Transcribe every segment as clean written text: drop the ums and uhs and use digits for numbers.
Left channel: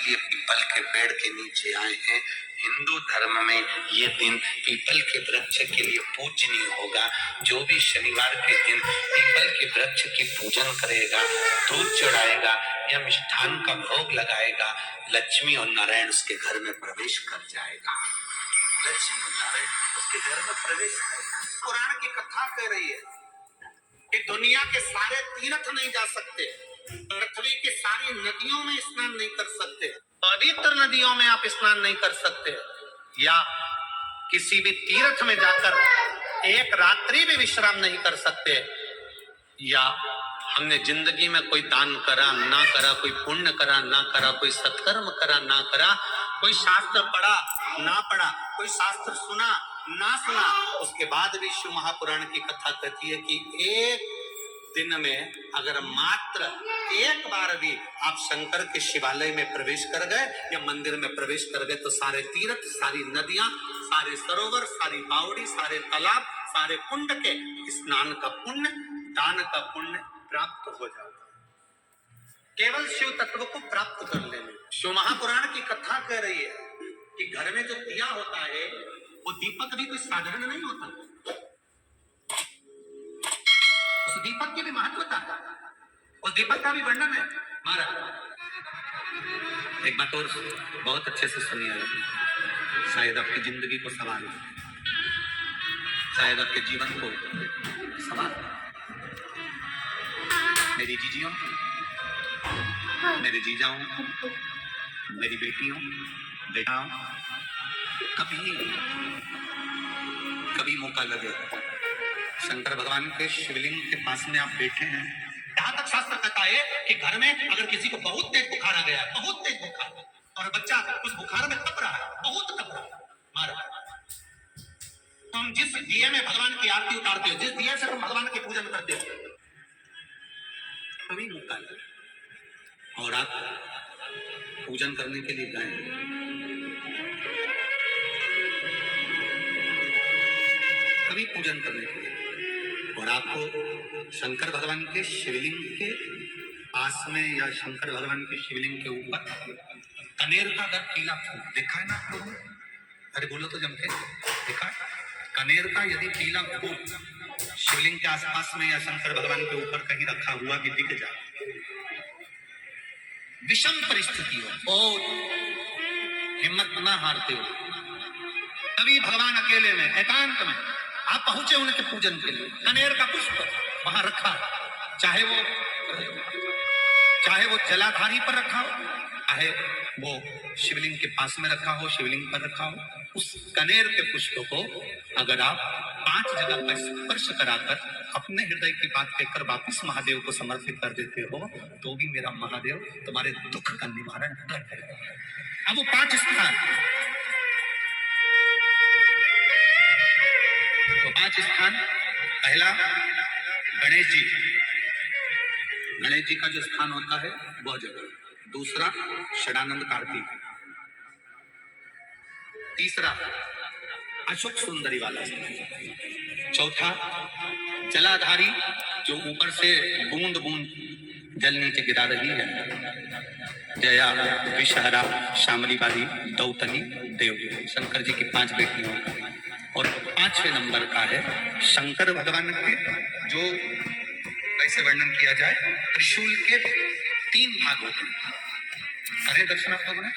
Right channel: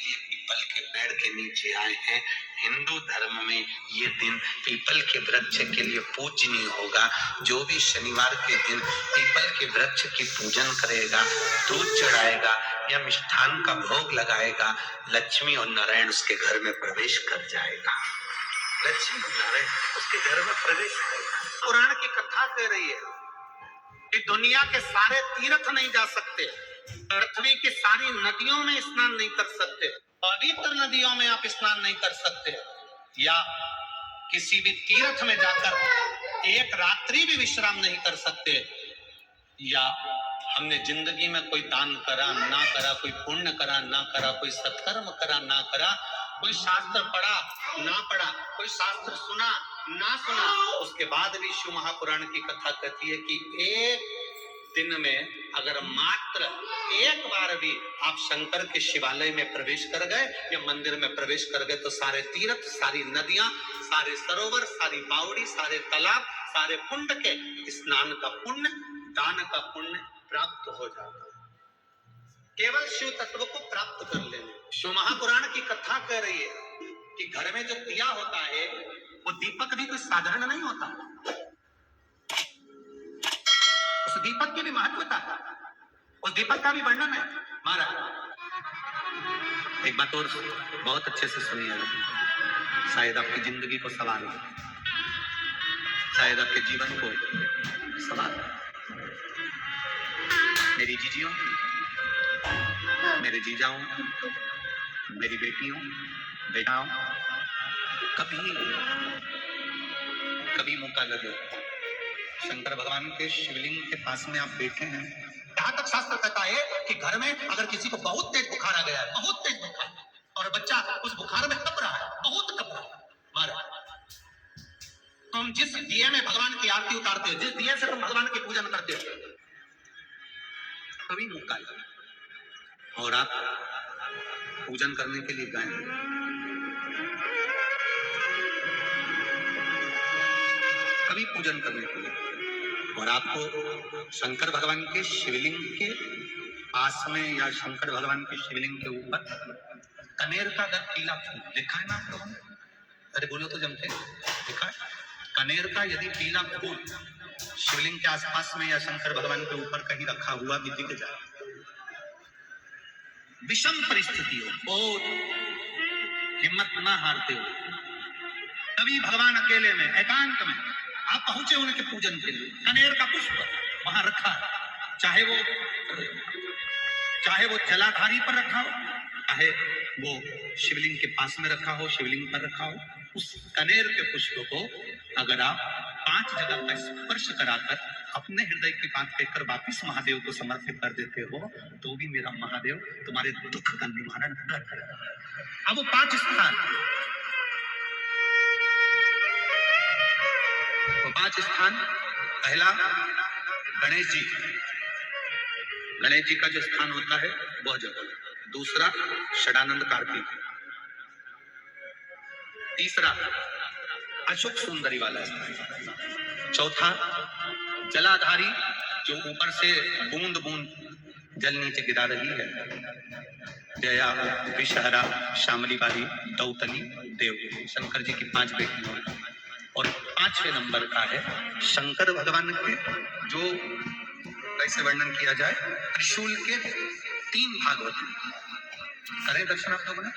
लिए पीपल के पेड़ के नीचे आए हैं। हिंदू धर्म में ये दिन पीपल के वृक्ष के लिए पूजनीय होगा। जो भी शनिवार के दिन पीपल के वृक्ष की पूजन करेगा, दूध चढ़ाएगा या मिष्ठान का भोग लगाएगा, लक्ष्मी और नारायण उसके घर में प्रवेश कर जाएगा। लक्ष्मी और नारायण उसके घर में प्रवेश करेगा। पुराण की कथा कह रही है कि दुनिया के सारे तीर्थ नहीं जा सकते, पृथ्वी की सारी नदियों में स्नान नहीं कर सकते, पवित्र नदियों में आप स्नान नहीं कर सकते, या किसी भी तीर्थ में जाकर एक रात्रि भी विश्राम नहीं कर सकते, या हमने जिंदगी में कोई दान करा ना करा, कोई पुण्य करा ना करा, कोई सत्कर्म करा ना करा, कोई शास्त्र पढ़ा ना पढ़ा, कोई शास्त्र सुना ना सुना, उसके बाद भी शिव महापुराण की कथा कहती है कि एक दिन में अगर मात्र एक बार भी आप शंकर के शिवालय में प्रवेश कर गए या मंदिर में प्रवेश कर गए तो सारे तीर्थ, सारी नदियां, सारे सरोवर, सारी बावड़ी, सारे तालाब, सारे कुंड के स्नान का पुण्य, दान का पुण्य प्राप्त हो जाता है। केवल शिव तत्व को प्राप्त कर लेने। शिव महापुराण की कथा कह रही है कि घर में जो दिया होता है वो दीपक भी कोई साधारण नहीं होता, उस दीपक की भी महत्वता, उस दीपक का भी वर्णन है। महाराज एक बात और बहुत अच्छे से सुनिए, शायद आपकी जिंदगी को सवाल हो, शायद आपके जीवन को सवाल। मेरी जीजियों, मेरे जीजाओं, मेरी बेटियों, बेटाओं, कभी मौका लगे शंकर भगवान के शिवलिंग के पास में आप बैठे हैं, यहाँ तक शास्त्र कहता है कि घर में अगर किसी को बहुत तेज बुखार आ गया है, बहुत तेज बुखार, और बच्चा उस बुखार में तप रहा है, बहुत तप रहा है, महाराज तो हम जिस दिए में भगवान की आरती उतारते हो, जिस दिए से तुम भगवान की पूजन करते हो, कभी मौका लगे और आप पूजन करने के लिए गए, कभी पूजन करने के लिए, और आपको शंकर भगवान के शिवलिंग के पास में या शंकर भगवान के शिवलिंग के ऊपर कनेर का अगर पीला फूल देखा है ना आप लोगों ने? अरे बोलो तो जम के, देखा है? कनेर का यदि पीला फूल शिवलिंग के आसपास में या शंकर भगवान के ऊपर कहीं रखा हुआ भी दिख जाए, विषम परिस्थिति हो, बहुत हिम्मत ना हारते हो, तभी भगवान अकेले में एकांत में आप पहुंचे उनके पूजन के लिए, कनेर का पुष्प वहां रखा है, चाहे वो जलाधारी पर रखा हो, चाहे वो शिवलिंग के पास में रखा हो, शिवलिंग पर रखा हो, उस कनेर के पुष्प को अगर आप 5 जगह पर स्पर्श कराकर अपने हृदय की बात कहकर वापिस महादेव को समर्पित कर देते हो, तो भी मेरा महादेव तुम्हारे दुख का निवारण कर देगा। अब वो 5 स्थान, तो 5 स्थान, पहला गणेश जी का जो स्थान होता है वह जगह, दूसरा षडानंद कार्तिक, तीसरा अशोक सुंदरी वाला स्थान, चौथा जलाधारी जो ऊपर से बूंद बूंद जल नीचे गिरा रही है, जया, विषहरा, शामली बारी, दौतनी, देव, शंकर जी की 5 बेटियों, और 5वें नंबर का है शंकर भगवान के, जो कैसे वर्णन किया जाए, त्रिशूल के 3 भाग होते हैं। करें दर्शन आप लोगों ने,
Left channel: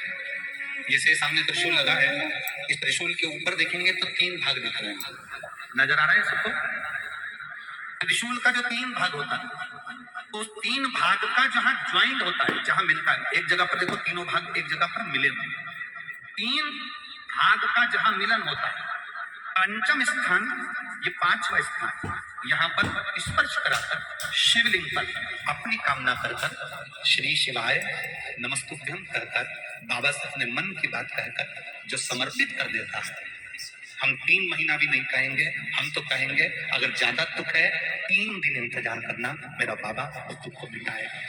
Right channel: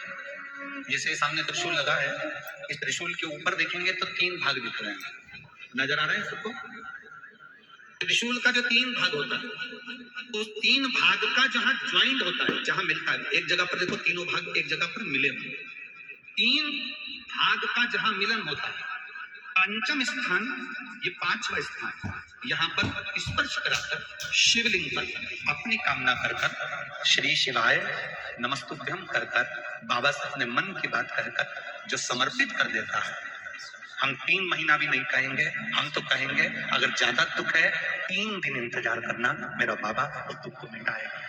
जैसे सामने त्रिशूल लगा है, इस त्रिशूल के ऊपर देखेंगे तो 3 भाग दिख रहे हैं, नजर आ रहे हैं सबको? त्रिशूल का जो 3 भाग होता है, तो 3 भाग का जहां ज्वाइंट होता है, जहां मिलता है, एक जगह पर देखो तीनों भाग एक जगह पर मिले हुए, 3 भाग का जहां मिलन होता है, पंचम स्थान, ये 5वां स्थान, यहाँ पर स्पर्श कराकर शिवलिंग पर अपनी कामना कर श्री शिवाय नमस्तुभ्यम कर बाबा से अपने मन की बात कहकर जो समर्पित कर देता है, हम 3 महीना भी नहीं कहेंगे, हम तो कहेंगे अगर ज्यादा दुख है 3 दिन इंतजार करना, मेरा बाबा उस दुख को मिटाएगा।